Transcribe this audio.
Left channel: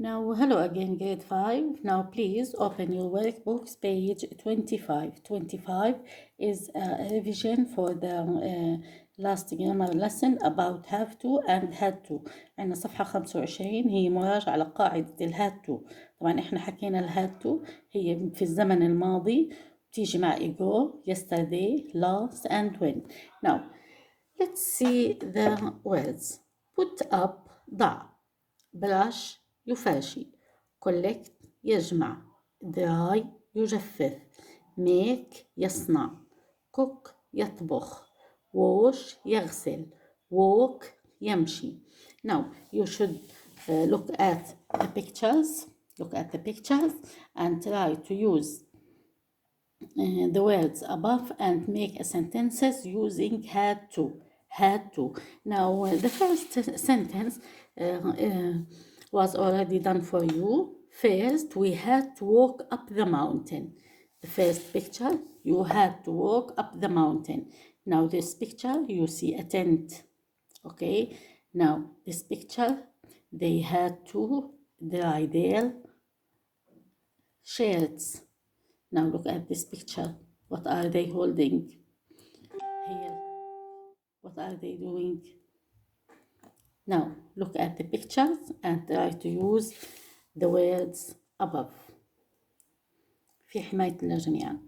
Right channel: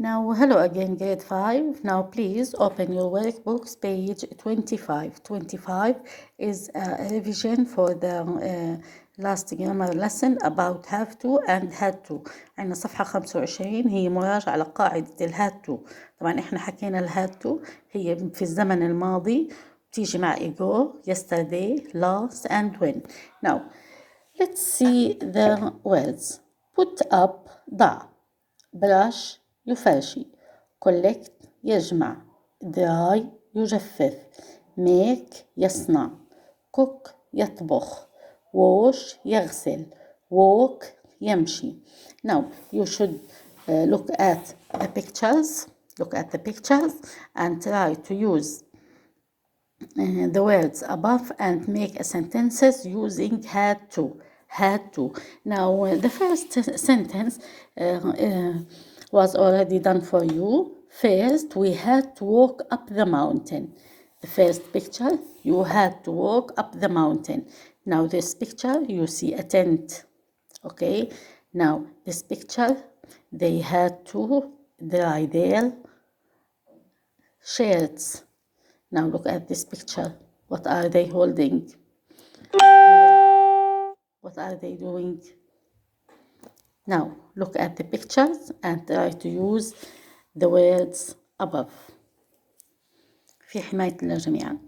Now, hello again, grade 5. Now, please open your workbooks, page 25. 25 is a revision for the last grammar lesson about have to and had to. عندنا صفحة 25 هي مراجعة على قاعدة الهاد تو. طبعا احنا حكينا الهاد تو هي في الزمن الماضي بتيجي مع ago, yesterday, last and when. Now, let's see the words. Put up, ضع. brush يفرشي. collect يجمع. dry يجفف. make يصنع. cook يطبخ. wash يغسل. walk يمشي. Now you should look at the pictures. Look at the pictures and try to use the words above and make a sentences using had to. Had to. Now the first sentence was already done for you. First, we had to walk up the mountain. The first picture, you had to walk up the mountain. Now this picture, you see a tent. Okay. Now this picture, they had to dry their shirts. Now look at this picture. What are they holding? What are they doing? Now look at the pictures and try to use the words above. في حماية الله جميعا.